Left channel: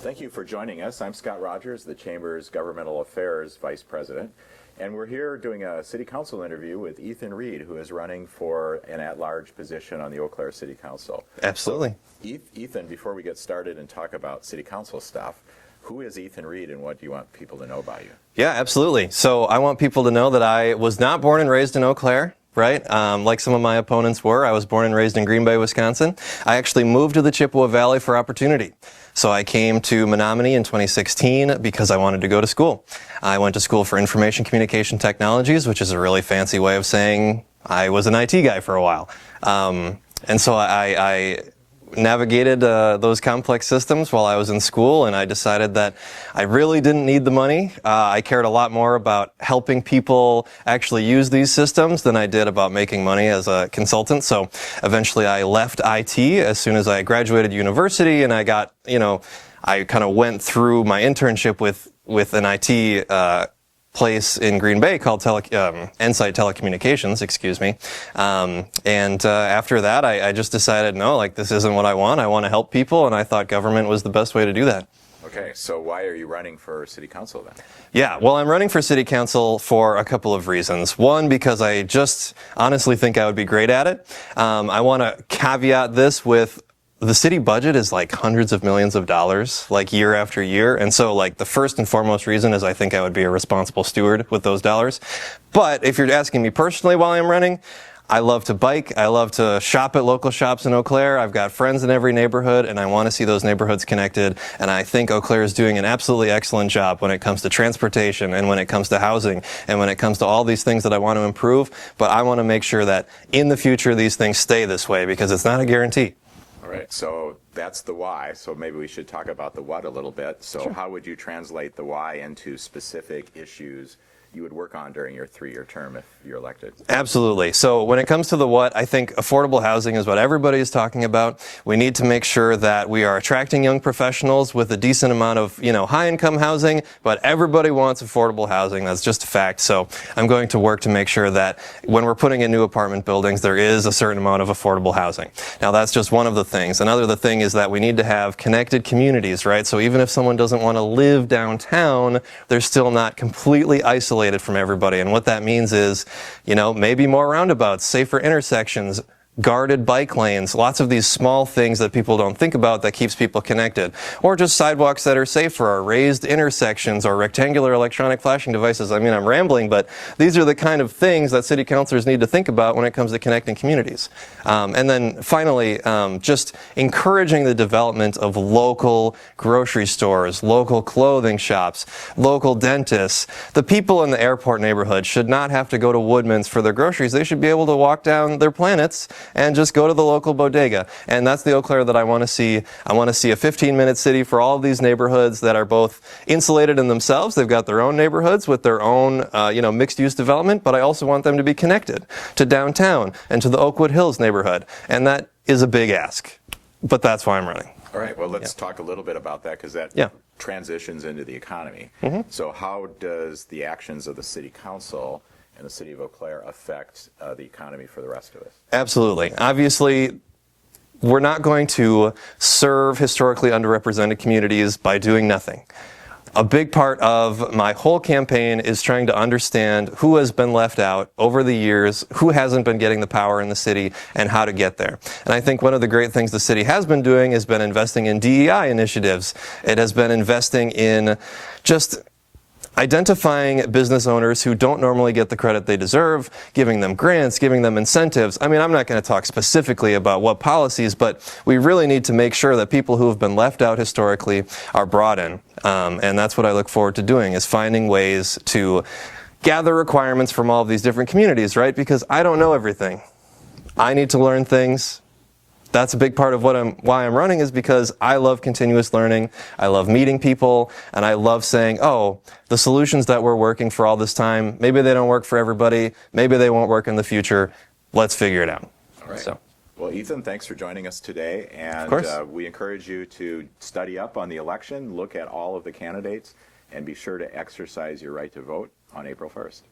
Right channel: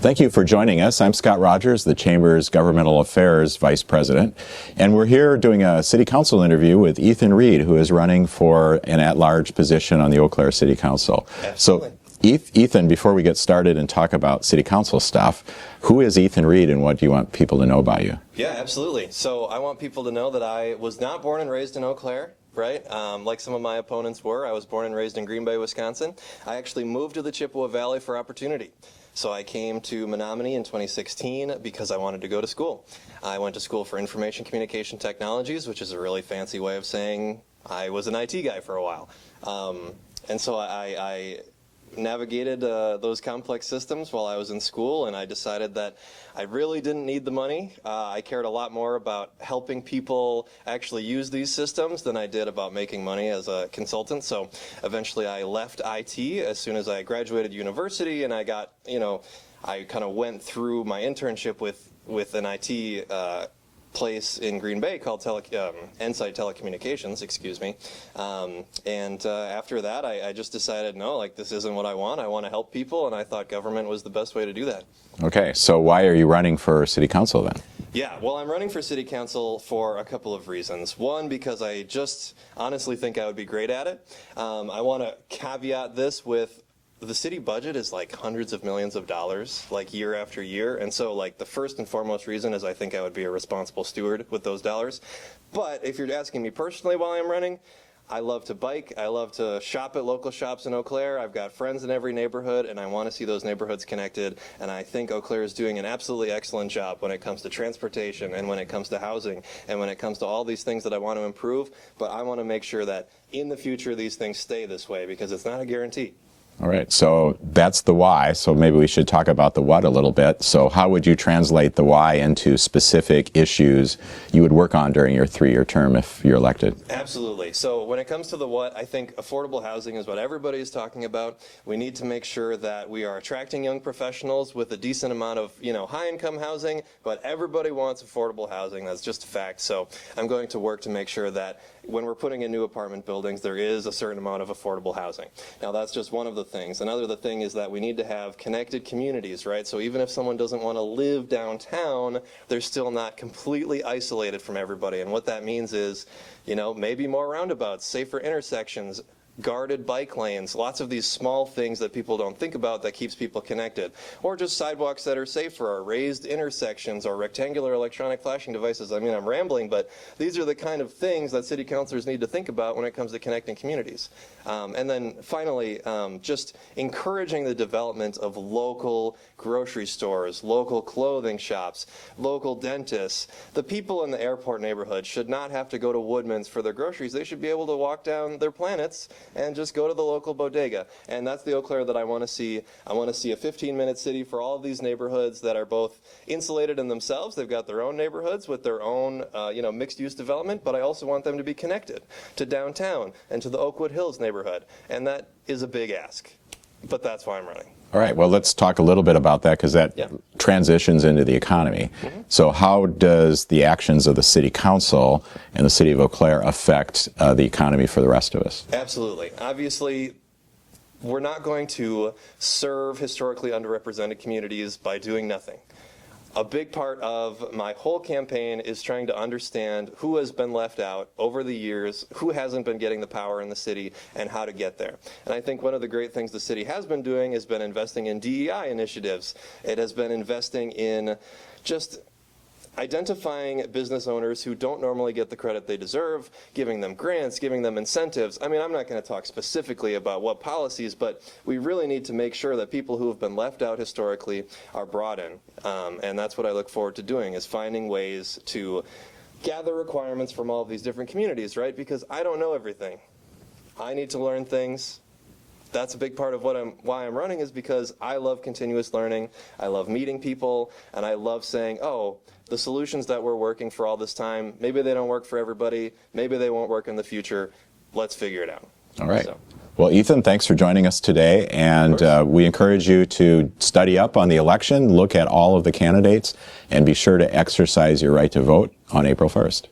Thank you for joining us. I'm Scott Rogers, the Chamber's Governmental Affairs Vice President, and we're here doing a City Council interview with Ethan Reed, who is running for an at-large position on the Eau Claire City Council. Absolutely. So, Ethan, before we get started and talk about City Council stuff, who is Ethan Reed and what do you want people to know about you? Yeah, absolutely. So I want people to know that I was not born and raised in Eau Claire. Right? Like some of my opponents were. I was born and raised in Green Bay, Wisconsin. I actually moved to the Chippewa Valley for opportunity. So I came to Menominee in 2016 because I wanted to go to school. I went to school for information communication technologies, which is a really fancy way of saying I was an IT guy for a while. And so I navigated those complex systems while I was in school, and I decided that I really didn't need the money. I cared a lot more about helping people actually use these systems than I did about making money as a consultant. So eventually I left IT as soon as I graduated university, and I got, I kind of went through my internship with an IT place in Green Bay called Insight Telecommunications, excuse me. After that, I just decided, no, this isn't what I want. I want to help people, and I thought government was the best way to do that. Okay, so why are you running for City Council then? Yeah, well, I'm running for City Council for a couple of reasons. One, because I just honestly think I would be great at it. I want to caveat this with the city budget is like hundreds of millions of dollars, year after year. And so the first and foremost reason is I think I would be a responsible steward with those dollars. But if you're asking me personally while I'm running, I love to bike. I love to shop at local shops in Eau Claire. I've got friends in every neighborhood, and I want to see those neighborhoods connected. And I think Eau Claire is doing an absolutely excellent job when it comes to transportation and when it comes to housing and when it comes to all these things that I want to improve. But I want to make sure that in the future these things stay this way because it's not a guarantee. All right, so that's the why, so maybe we should talk about the what a little bit. So how would you translate the why into specific issues you would work on during your 3-year term if you're elected? Absolutely. So when it comes to the what, I think affordable housing is what everybody is talking about. We need to make sure that we are attracting young professionals with a decent amount of, high-income housing, but everybody wants affordable housing. That's just a fact. So I'm going to work to make sure that when we're putting in new apartment buildings, there is a certain amount of affordable housing. Now, that's just one of the things. Another thing is that we need to have connected communities, right? So even if someone doesn't want to live downtown, they're still not completely isolated from everybody. And what that means is, maybe more roundabouts, safer intersections, guarded bike lanes, lots of these small things that people don't think about that keeps people connected. Or just sidewalks that are safer, or raised intersections, or rectangular electronic flashing devices. I mean, I'm rambling, but these are the kind of things that city councilors need to think about when it comes to connecting communities. And then finally, just encouraging the development of local grocery stores, local clothing shops, local dentists. The people in the airport neighborhood should not have to go to Woodman's for their groceries. They should be able to walk down their Planets and just go to the local bodega. And that's the Eau Claire that I want to see. I want to see a 15-minute city for all of these neighborhoods that are both insulated in themselves. They've got their own neighborhoods with their own, mixed-use development, but I also want them to be connected to downtown and to the Oakwood Hills neighborhood. And that is a big ask, but that's why I'm running. All right, well, let's talk a little bit about that because that transitions into the economy. So how does the actions of the City Council and the City of Eau Claire affect the economy for the rest of us? Absolutely. Obviously, we're not going to serve historically underrepresented communities by doing nothing. A big part of my whole campaign is trying to understand who has been left out over the years, who hasn't been getting the power in the city, and how to get there. And I think one of the great things the city has been doing has been investing in DEI initiatives. It has been investing in just identifying business owners who don't normally get the credit they deserve, giving them grants, giving them incentives. I mean, I'm not going to talk specifically about what policies, but we really need to make sure that people who have been left out historically are brought in. And that's what I look forward to doing, is finding ways to gather requirements from all of these different communities, right? Because I don't know everything. I need to learn things. That's a big part of why I'm running, is because I love continuous learning. I love meeting people, and I love saying, oh, the solutions that we're working for all this time, maybe they don't work for everybody, maybe they won't work in the future. Let's figure it out. All right. Well, Ethan, thanks for joining us today, and we encourage you to study up on the election, look at all of the candidates, and be sure to exercise your right to vote on April 1st.